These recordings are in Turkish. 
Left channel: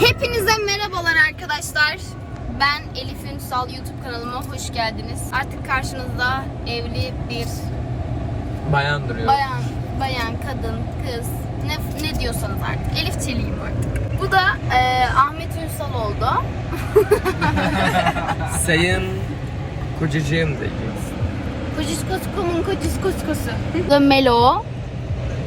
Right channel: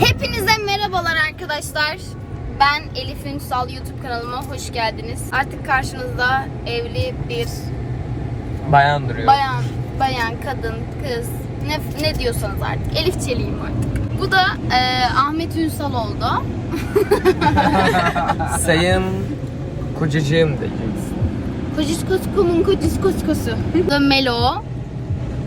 Hepinize merhabalar arkadaşlar. Ben Elif Ünsal YouTube kanalıma hoş geldiniz. Artık karşınızda evli bir Bayan duruyor. bayan, bayan, kadın, kız ne, ne diyorsanız artık. Elif Çelik'im artık. Bu da e, Ahmet Ünsal oldu. Sayın kocacığım dediniz. Kociskosko'nun kociskoskosu. Bu da Melo.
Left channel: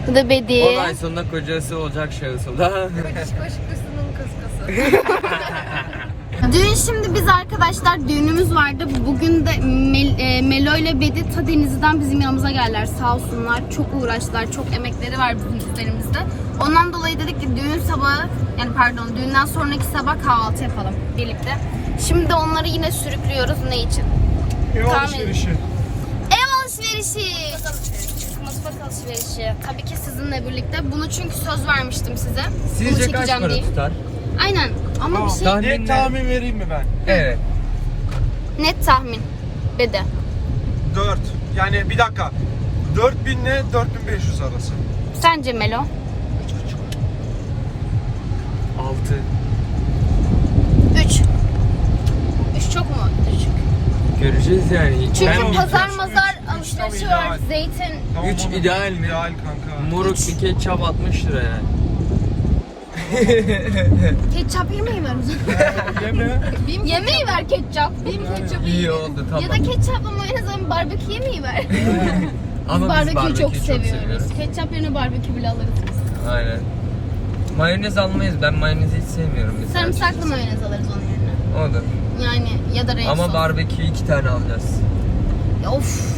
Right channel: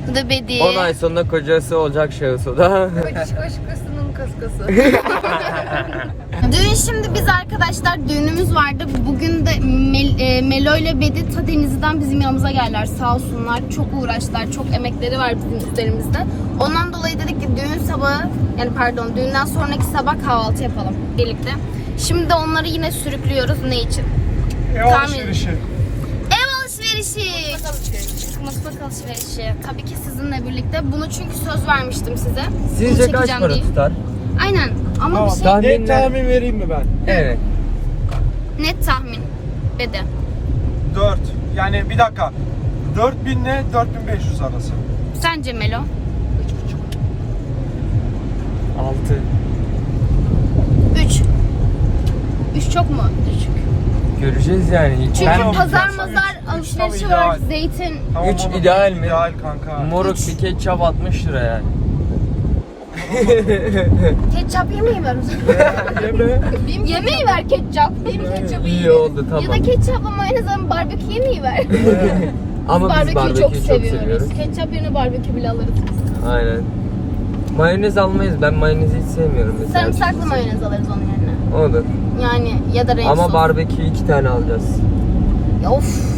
Bu da Bedi. 10 ay sonunda kocası olacak şahıs o da. Kociskoskosunun koskosu. Düğün şimdi biz arkadaşlar düğünümüz vardı. Bugün de Mel- e, Melo ile Bedi ta Denizli'den bizim yanımıza geldiler. Sağ olsunlar. Çok uğraştılar. Çok emekleri var bizim üzerimizde. Ondan dolayı dedik ki düğün sabahı yani pardon düğünden sonraki sabah kahvaltı yapalım birlikte. Şimdi onları yine sürüklüyoruz. Ne için? Ev Tahmin- alışverişi. Ev alışverişi. Mutfak alışverişi. Tabii ki sizinle birlikte. Bunu çünkü söz vermiştim size. Bunu Sizce kaç çekeceğim para diye. tutar? Aynen. Ama Tamam. bir şey Tahmin- Net tahmin vereyim mi ben? Evet. net tahmin. Dedi. 4. Yani bir dakika. 4000 ile 4500 arası. Sence Melo? 6. 3. 3 çok mu düşük? Göreceğiz yani. Çünkü Tamam. pazar mazar alışverişi var. ideal. Zeytin. Üç oğlum, ideal mi? İdeal kanka. Moruk bir ketçap 60 lira yani. Ketçap yemeği ver o zaman. Yeme. yemeği ver ketçap. Benim ketçapı İyi oldu tamam. Ya da ketçapla mayonezle barbekü yemeği ver. Ama biz Barbeküyü barbeküyü çok, çok, seviyoruz. seviyoruz. Ketçap yerine barbekü bile alırız. Aynen. Mayonez almayız. Ben mayonezi hiç sevmiyorum. mesela. Sarımsaklı mayonez alırız onun yerine. Olur. Yani ya da renk Ama sos. barbekü iki tane alacağız. Ya Of.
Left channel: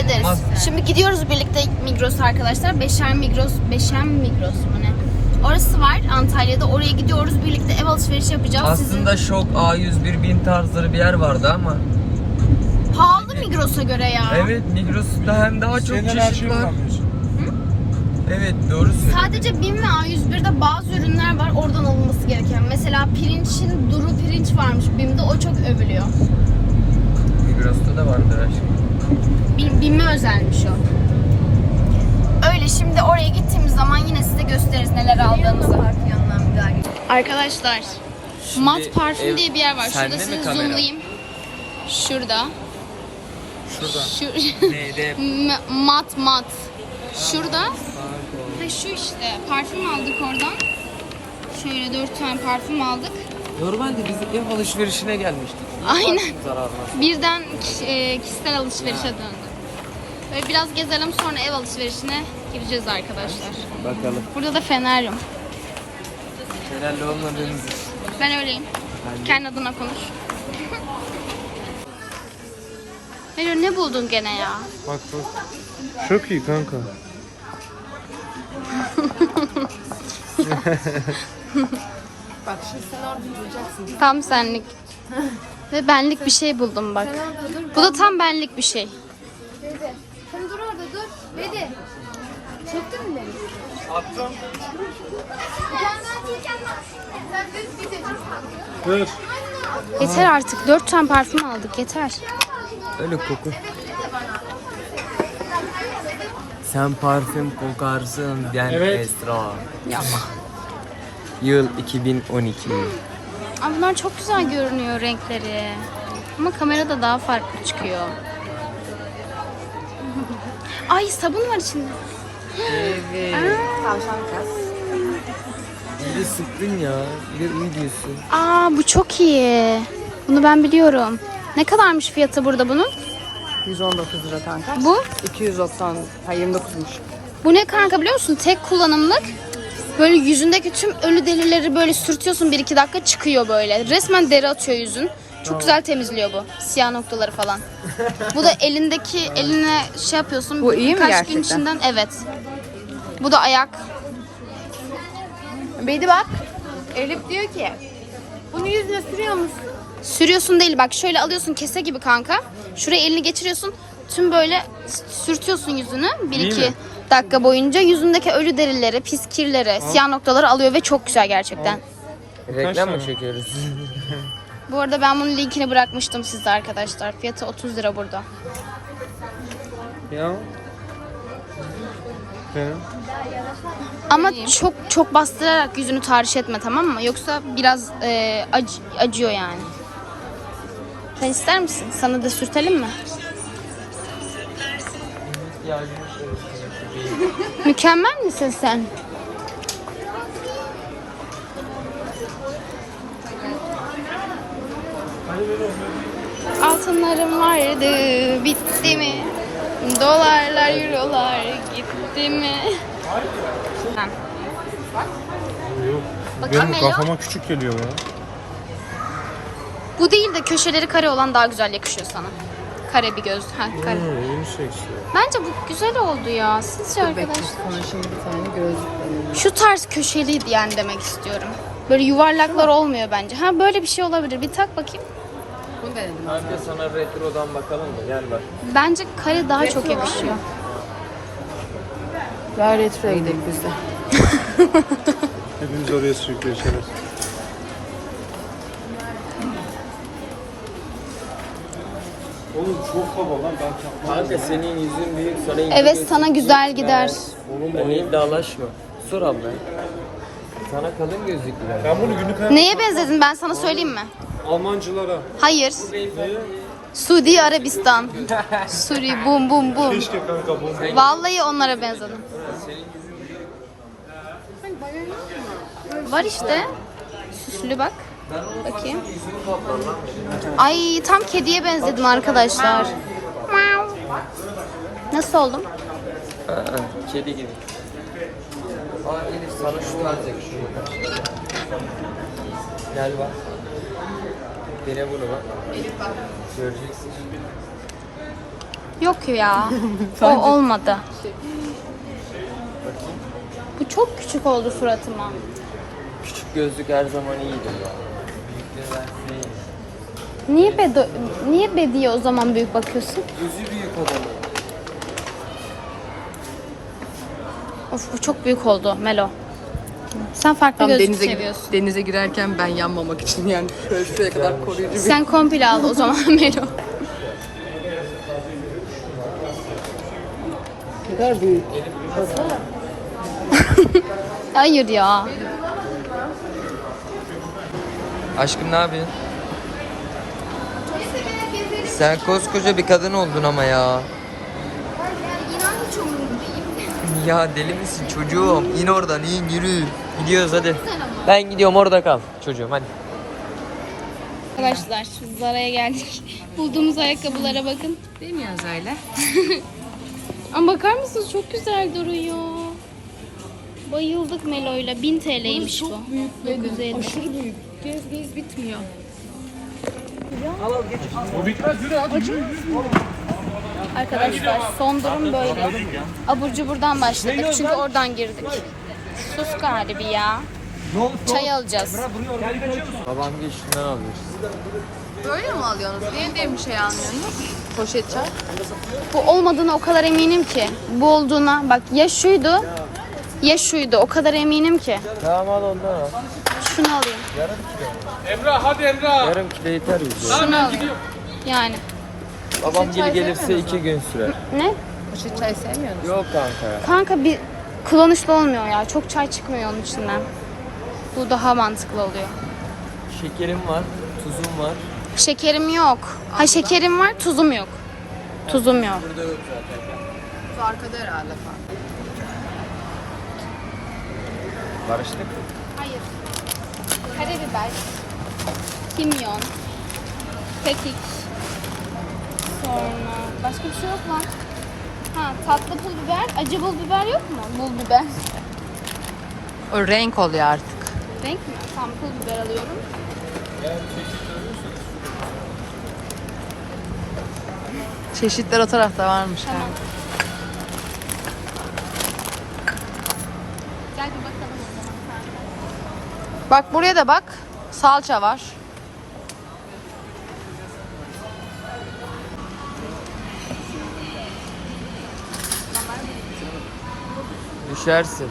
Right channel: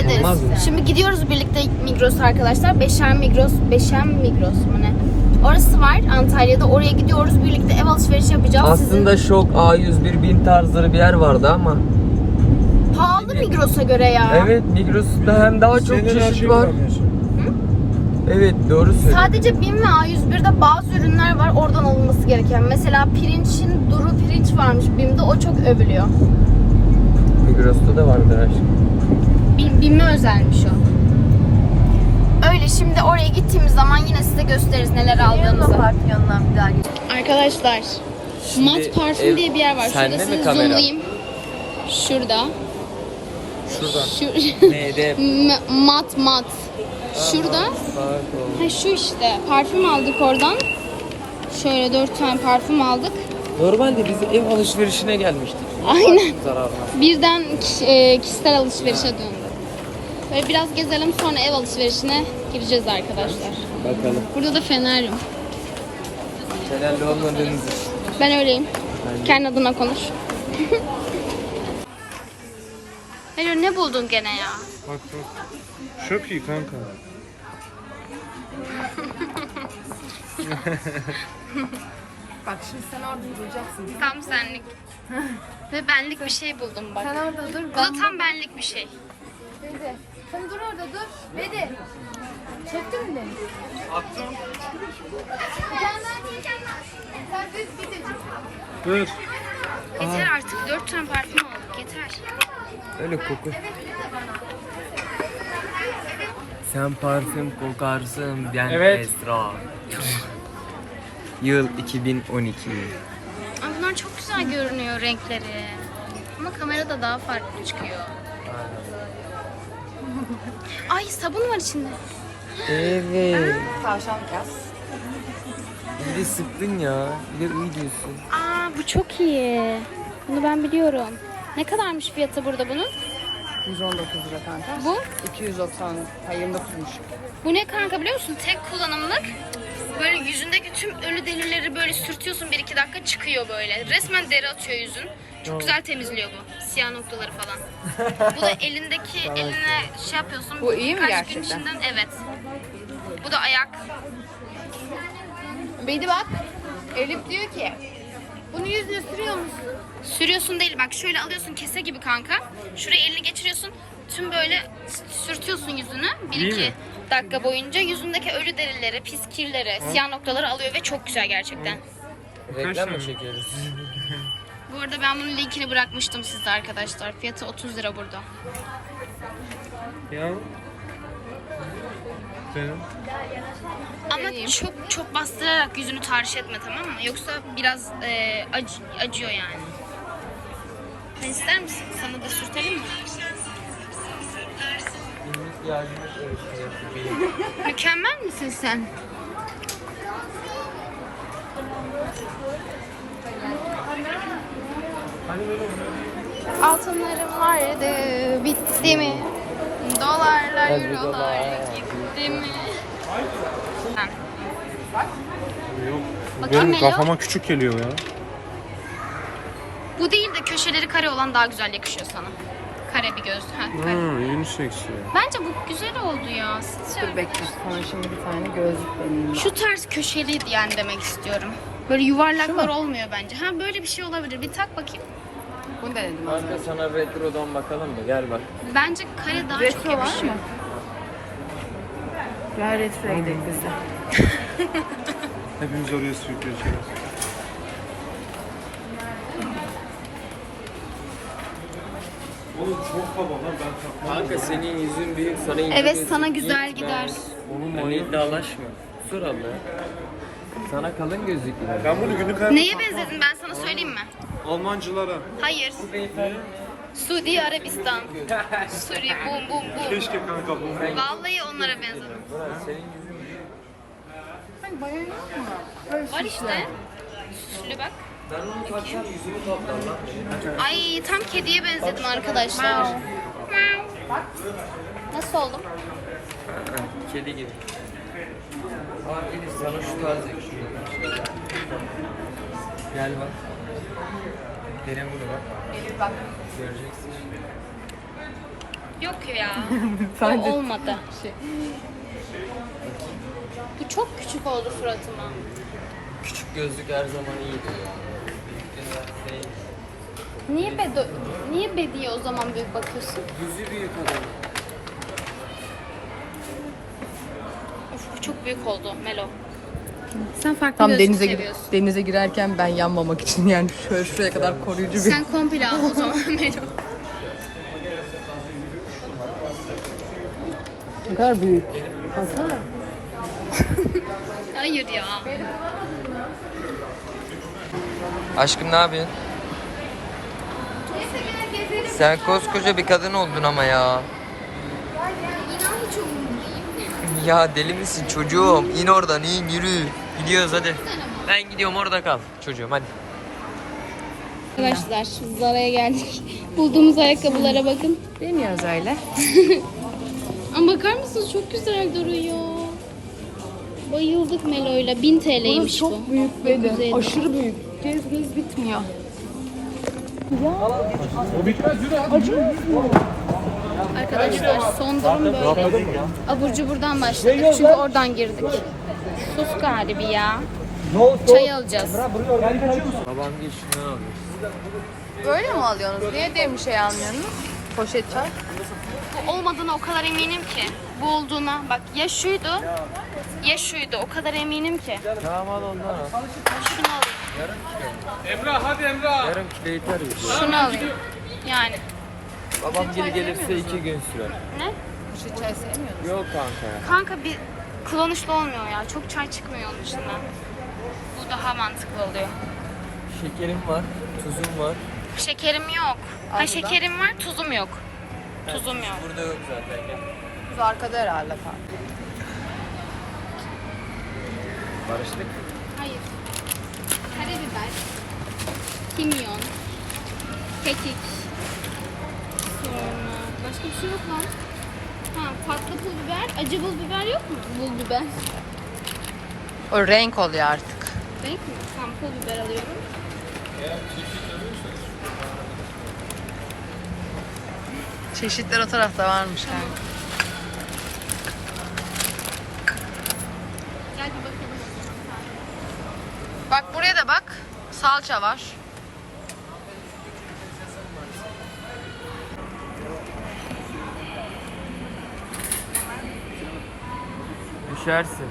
Hallederiz. Olmaz mı? Şimdi gidiyoruz birlikte Migros arkadaşlar. Beşer Migros, Beşem Migros mu ne? Orası var Antalya'da. Oraya gidiyoruz. Birlikte ev alışverişi yapacağız. Aslında şok A101 bin tarzları bir yer vardı ama. Sizin pahalı Migros'a göre ya. Evet Migros'ta hem daha çok Senin çeşit var. Evet doğru söylüyorsun. Sadece BİM ve A101'de bazı ürünler var oradan alınması gereken. Mesela pirinçin duru pirinç varmış BİM'de o çok övülüyor. Migros'ta da vardır her BİM, BİM'e özelmiş o. Öyle şimdi oraya gittiğimiz zaman yine size gösteririz neler aldığımızı. Arkadaşlar Mat Parfüm ev- diye bir yer var. Şurada sizi zoomlayayım. Şurada. Şurada. Neydi? Mat mat. Şurada. Ha şu işte. Parfüm aldık oradan. Şöyle dört tane parfüm aldık. Normalde biz ev alışverişine gelmiştik. Aynen. Birden e, kişisel alışverişe döndü. Böyle biraz gezelim sonra ev alışverişine gireceğiz arkadaşlar. Bakalım. Burada da fenerim. Fenerli olmadığınız Ben öyleyim. Ben de. Kendi adına konuş. Hello ne buldun gene ya? Bak bak. Çok iyi kanka. Tam senlik. Ve benlik bir şey buldum bak. Bu da tam benlik bir şey. Sen dur orada dur. Bedi. Çektin mi? Attım. Sen biteceksin. Dur. Yeter artık. Dört tane parfüm aldık. Yeter. Öyle koku. Sen parfüm kokarsın diyen Evet. Esra. Yıl 2012. Ama bunlar çok güzel görünüyor renkleri. Ama kamerada daha farklı çıkıyor. Ay sabun var içinde. Evet. Bir de sıktın ya. Bir de iyi diyorsun. Aa bu çok iyi. Bunu ben biliyorum. Ne kadarmış fiyatı burada bunun? 119 lira kanka. Bu? 290, ha 29'muş. Bu ne kanka biliyor musun? Tek kullanımlık. Böyle yüzündeki tüm ölü derileri böyle sürtüyorsun 1-2 dakika çıkıyor böyle. Resmen deri atıyor yüzün. Çok güzel temizliyor bu. Siyah noktaları falan. bu da elindeki eline şey yapıyorsun. Bu iyi mi birkaç gün gerçekten? içinden evet. Bu da ayak. Bedi bak. Elif diyor ki bunu yüzüne sürüyor musun? Sürüyorsun değil bak şöyle alıyorsun kese gibi kanka. Şuraya elini geçiriyorsun. Tüm böyle sürtüyorsun yüzünü 1-2 dakika boyunca yüzündeki ölü derileri, pis kirleri, siyah noktaları alıyor ve çok güzel gerçekten. Reklam mı çekiyoruz? Bu arada ben bunun linkini bırakmıştım sizde arkadaşlar. Fiyatı 30 lira burada. Ya. Ama çok çok bastırarak yüzünü tahriş etme tamam mı? Yoksa biraz e, ac- acıyor yani. Sen ister misin? Sana da sürtelim mi? Mükemmel misin sen? Altınlarım vardı, bitti mi? Dolarlar, eurolar gitti mi? Yok. Bakayım Benim Melo. kafama küçük geliyor ya. Bu değil de köşeleri kare olan daha güzel yakışıyor sana. Kare bir göz. Ha, kare. Hmm, yeni seksi. Bence bu güzel oldu ya. Sizce arkadaşlar? Sana şimdi bir tane gözlük Şu tarz köşeli yani demek istiyorum. Böyle yuvarlaklar olmuyor bence. Ha böyle bir şey olabilir. Bir tak bakayım. Bunu denedim abi. Kanka sana retrodan bakalım mı? Gel bak. Bence kare daha çok Retro var yakışıyor. Ver retroya gidelim biz de. Hepimiz oraya sürükleşeriz. Oğlum çok baba lan ben takmam. Kanka senin yüzün büyük sana ince Evet, gözüküyor. sana güzel Gitme. gider. Oğlum öyle iddialaşma. Sor abla. Sana kalın gözlüklü ben. Ben bunu günlük hayatta Neye benzedin ben sana söyleyeyim mi? Almancılara. Hayır. Suudi Arabistan. Suri bum bum bum. Keşke kanka bu. Vallahi onlara benzedim. Var işte. Süslü bak. Bakayım. Ay tam kediye benzedim arkadaşlar. Nasıl oldum? Kedi gibi. Aa Elif sana şu lazım. Gel bak. Dene bunu bak. Göreceksin. Yok ya. o olmadı. E, çok küçük oldu suratıma. Küçük gözlük her zaman iyidir. Büyükler şey, Niye bedo niye bediye o zaman büyük bakıyorsun? Gözü büyük olan. Of bu çok büyük oldu Melo. Sen farklı Tam gözlük denize, seviyorsun. denize girerken ben yanmamak için yani şöyle şuraya kadar koruyucu bir... Sen komple al o zaman Melo. Ne kadar büyük. Hayır ya. Aşkım ne yapıyorsun? Sen koskoca bir kadın oldun ama ya. İnan hiç umurumdayım. Ya deli misin çocuğum? İn oradan in yürü. Gidiyoruz hadi. Ben gidiyorum orada kal çocuğum hadi. Arkadaşlar Zara'ya geldik. Bulduğumuz ayakkabılara bakın. Değil mi yaz öyle? Ama bakar mısınız çok güzel duruyor. Bayıldık Melo'yla. 1000 TL'ymiş bu. Çok büyük. 950. Aşırı büyük. Gez gez bitmiyor. Arkadaşlar son durum böyle. Abur cuburdan başladık çünkü oradan girdik. Sus galibi ya. Çay alacağız. Babam geç şundan alıyoruz. Böyle mi alıyorsunuz? Niye diye bir şey almıyorsunuz? Poşet çay. Bu olmadığına o kadar eminim ki. Bu olduğuna bak ya şuydu ya şuydu. O kadar eminim ki. Tamam al onu. Şunu alayım. Yarım kilo yeter bize. Şunu alayım. Yani. Babam geri gelirse iki gün sürer. Ne? Poşet çay sevmiyor musun? Yok kanka ya. Kanka bir kullanışlı olmuyor ya. Çok çay çıkmıyor onun içinden. Bu daha mantıklı oluyor. Şekerim var, tuzum var. Şekerim yok. Ha şekerim var, tuzum yok. Tuzum yok. Burada yok zaten. Bu arkada herhalde. Barıştık. Hayır. Karabiber, kimyon, kekik. Sonra başka bir şey yok mu? Ha tatlı pul biber, acı pul biber yok mu? Pul biber. O renk oluyor artık. Renk mi? Tamam pul biber alıyorum. Çeşitler o tarafta varmış yani. Gel bir bakalım o zaman. Bak buraya da bak. Salça var. Düşersin.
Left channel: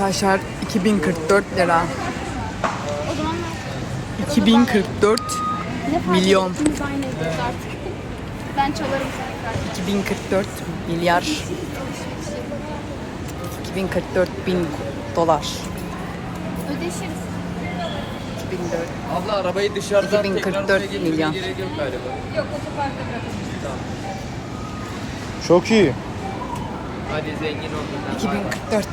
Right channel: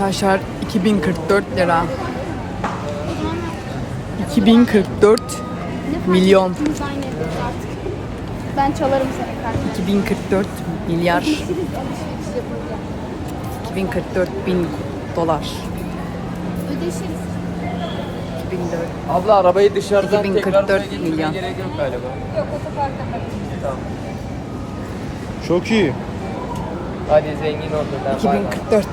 Arkadaşlar 2044 lira. 2044 milyon. Ben çalarım sana kartı. 2044 milyar. 2044 bin dolar. Ödeşiriz. 2004. Abla arabayı dışarıdan 2044 tekrar buraya milyon. yok. Çok iyi. Hadi zengin bay. 2044.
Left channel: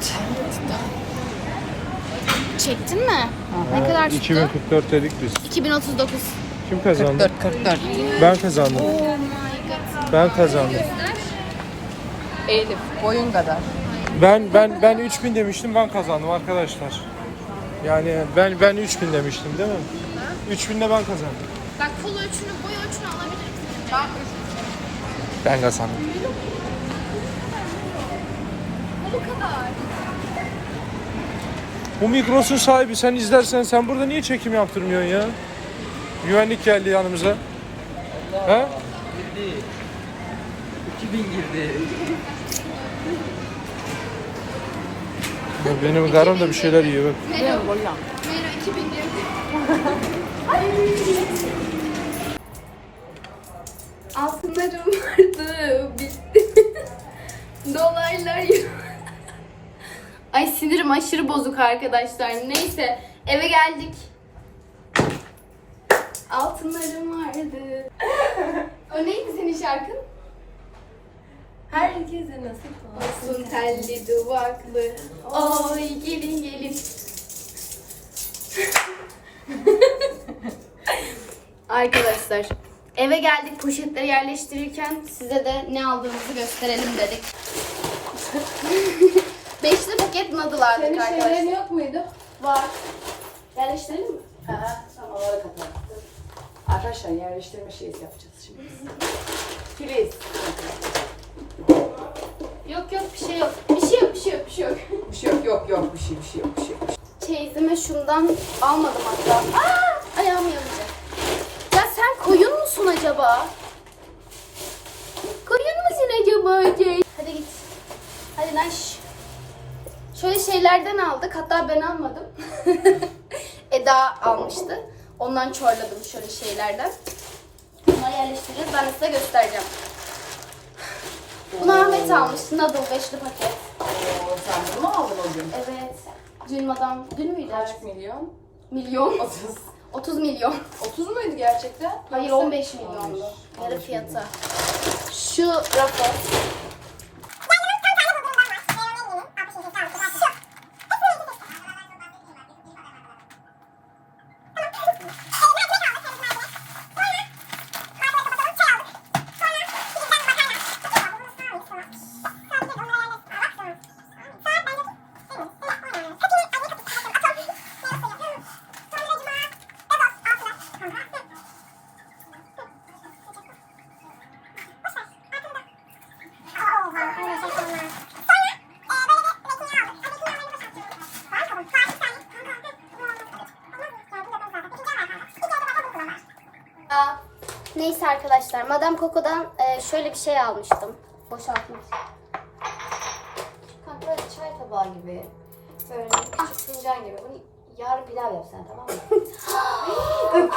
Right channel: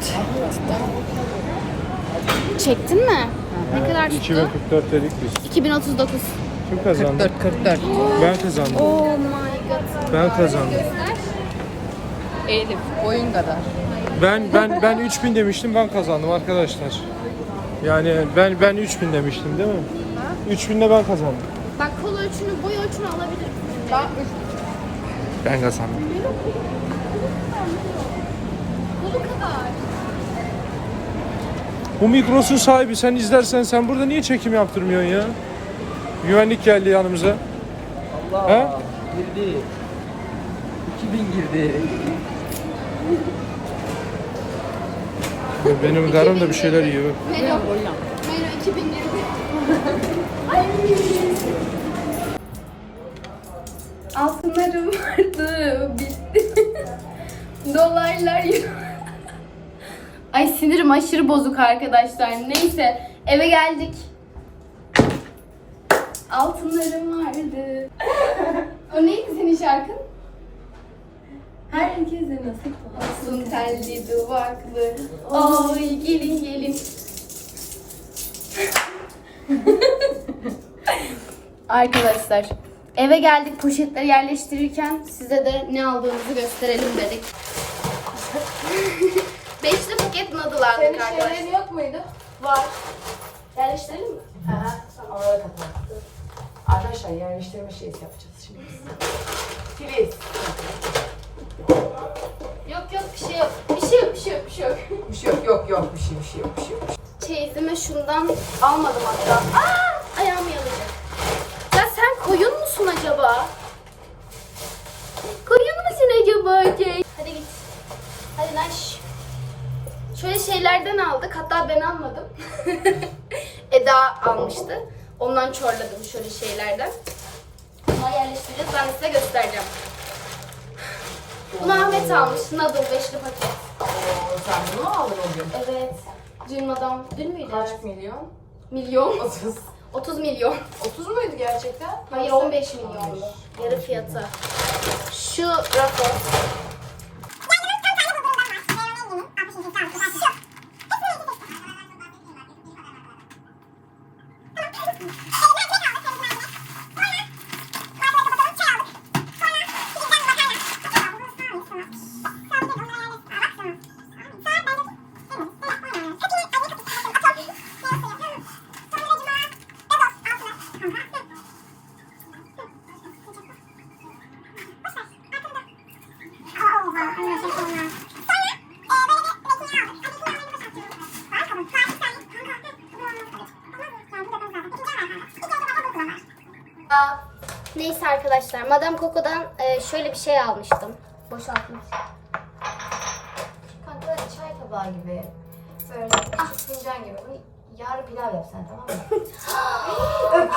Çektin mi? Ne kadar tuttu? 2044 dedik biz. 2039. Kim kazandı? 44 44. Ben kazandım. Oh my god. Ben kazandım. Elif boyun kadar. Ben ben ben 3000 demiştim ben kazandım arkadaşlar. Yani ben ben 3000 demiştim değil mi? 3000'de ben kazandım. Bak kol ölçünü, boy ölçünü alabilirsin. Bak Ben kazandım. Bu kadar. Bu Migros'un sahibi sen izlersen sen burada niye çekim yaptırmıyorsun ya? Güvenlik geldi yanımıza. He? Girdi. 2000 girdi. Ya Benim karım da bir şeyler yiyor. Melo 2000 lira. Altınlarım vardı, bitti. Dolaylar yok. Ay sinirim aşırı bozuk arkadaşlar. Neyse eve geldik. Altınlarım vardı. o neydi senin şarkın? Herkese nasip olsun telli duvaklı. Oy gelin gelin. Arkadaşlar eve geldik poşetleri yerleştirirken size de ne aldığımızı gösterelim dedik. Beşli paket noodle aldık arkadaşlar. yok muydu? Var. Yerleştirelim mi? Aha, tamam ara kapat. Arkadaşlar yerleştirme şeysi yapacağız şimdi. Filiz. Yok yok bir şey yok. Bir şey yok bir şey yok bir şey yok. Bir şey yok yok yok bir şey bir şey yok bir şey yok. Çeyizime şundan almadım hatta. Aa, ayağım yanıyor. Ya sen koyun musun acaba? Koyun musun acaba Cey? Hadi git. Hadi naş. Şöyle şeylerden aldık. Hatta ben almadım. Eda almıştı. Ondan çorladım şöyle şeylerden. Bunları yerleştireceğiz. Ben size göstereceğim. Bunu Ahmet almış. Noodle beşli paket. Sen bunu aldın o gün? Evet. Dün madam. Dün müydü? Kaç milyon? Milyon. 30. 30 milyon. 30 muydu gerçekten? Hayır 15 milyondu. Yarı fiyatı. Şu rapor. Oh! Arkadaşlar, Madame Coco'dan e, şöyle bir şey almıştım. Boşaltmak. Kanka çay tabağı gibi. Böyle küçük fincan gibi. Bunu yarın pilav yap sen tamam mı? ağzının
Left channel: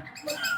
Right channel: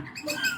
Thank you.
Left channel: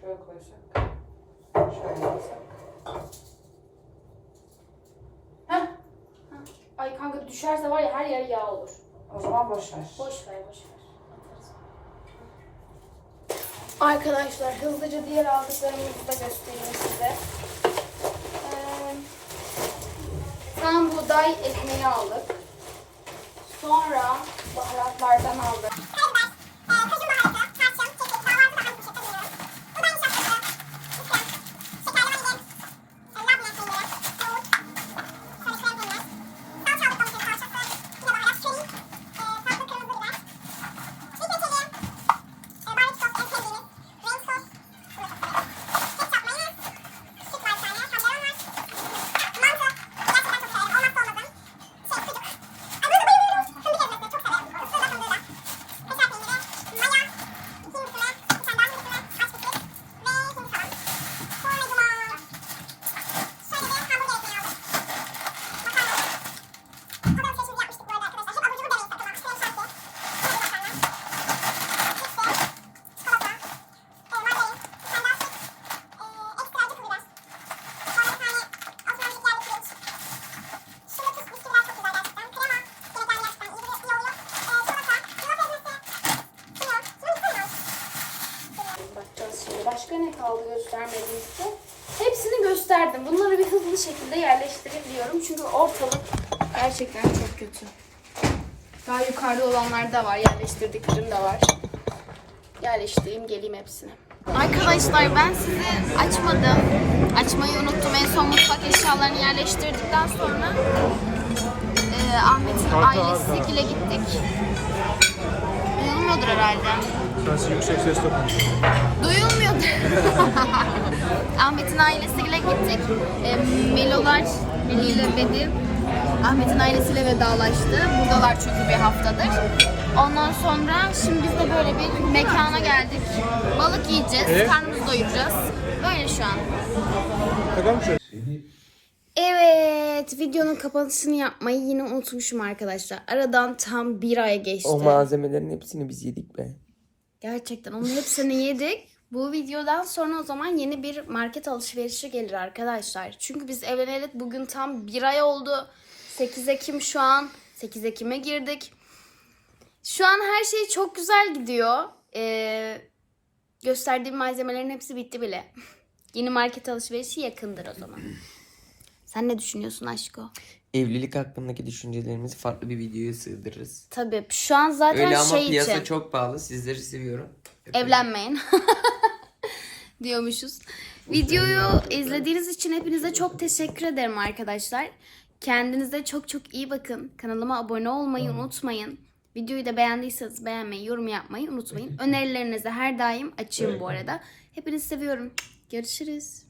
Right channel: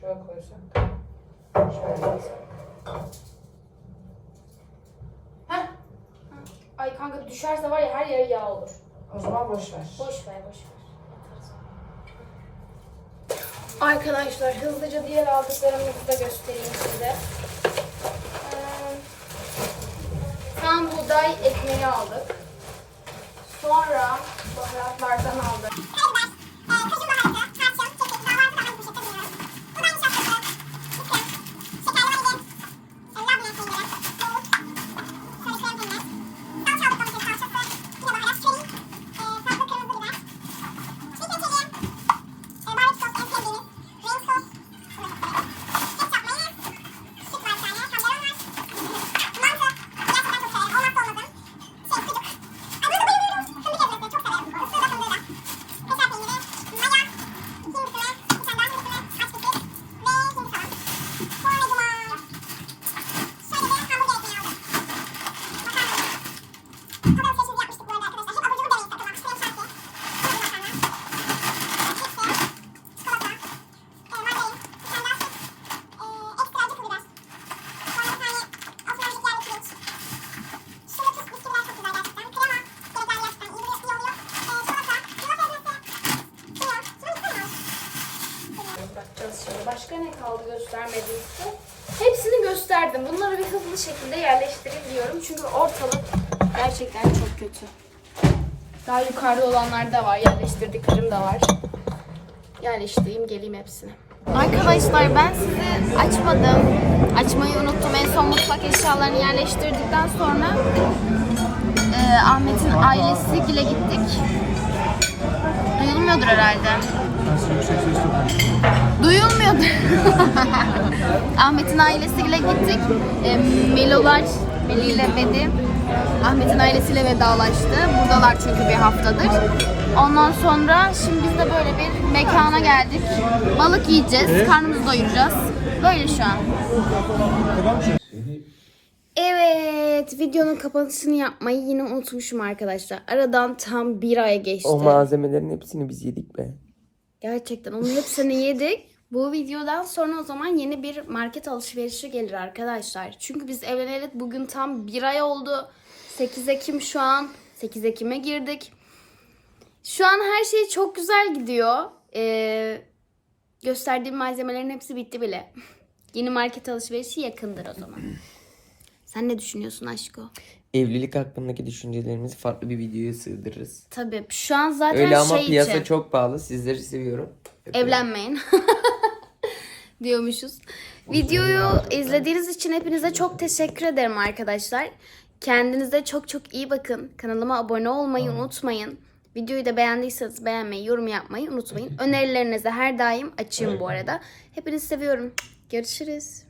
Şöyle koysak. Şöyle koysak. Ay kanka düşerse var ya her yer yağ olur. O zaman boş ver. Boş ver boş ver. Arkadaşlar hızlıca diğer aldıklarımızı da göstereyim size. Ee, Tam buğday ekmeği aldık. Sonra baharatlardan aldık. Çünkü ortalık gerçekten çok kötü. Daha yukarıda olanlar da var. Yerleştirdiklerim de var. Yerleştireyim geleyim hepsine. Arkadaşlar ben size açmadım. Açmayı unuttum. En son mutfak eşyalarını yerleştirdikten sonra e, Ahmet'in ailesiyle gittik. Duyulmuyordur herhalde. Duyulmuyordur. Ahmet'in ailesiyle gittik. E, Melolar Meli ile Medi Ahmet'in ailesiyle vedalaştı. Buradalar çünkü bir haftadır. Ondan sonra şimdi de böyle bir mekana geldik. Balık yiyeceğiz, karnımızı doyuracağız. Böyle şu an. Evet, videonun kapanışını yapmayı yine unutmuşum arkadaşlar. Aradan tam bir ay geçti. O malzemelerin hepsini biz yedik be. Gerçekten onun hepsini yedik. Bu videodan sonra o zaman yeni bir market alışverişi gelir arkadaşlar. Çünkü biz evleneli bugün tam bir ay oldu. 8 Ekim şu an. 8 Ekim'e girdik. Şu an her şey çok güzel gidiyor. Ee, gösterdiğim malzemelerin hepsi bitti bile. Yeni market alışverişi yakındır o zaman. Sen ne düşünüyorsun aşko? Evlilik hakkındaki düşüncelerimizi farklı bir videoya sığdırırız. Tabii şu an zaten Öyle ama şey piyasa için. çok pahalı. Sizleri seviyorum. Evlenmeyin. diyormuşuz. Videoyu izlediğiniz için hepinize çok teşekkür ederim arkadaşlar. Kendinize çok çok iyi bakın. Kanalıma abone olmayı unutmayın. Videoyu da beğendiyseniz beğenmeyi, yorum yapmayı unutmayın. Önerilerinize her daim açığım bu arada. Hepinizi seviyorum. Görüşürüz.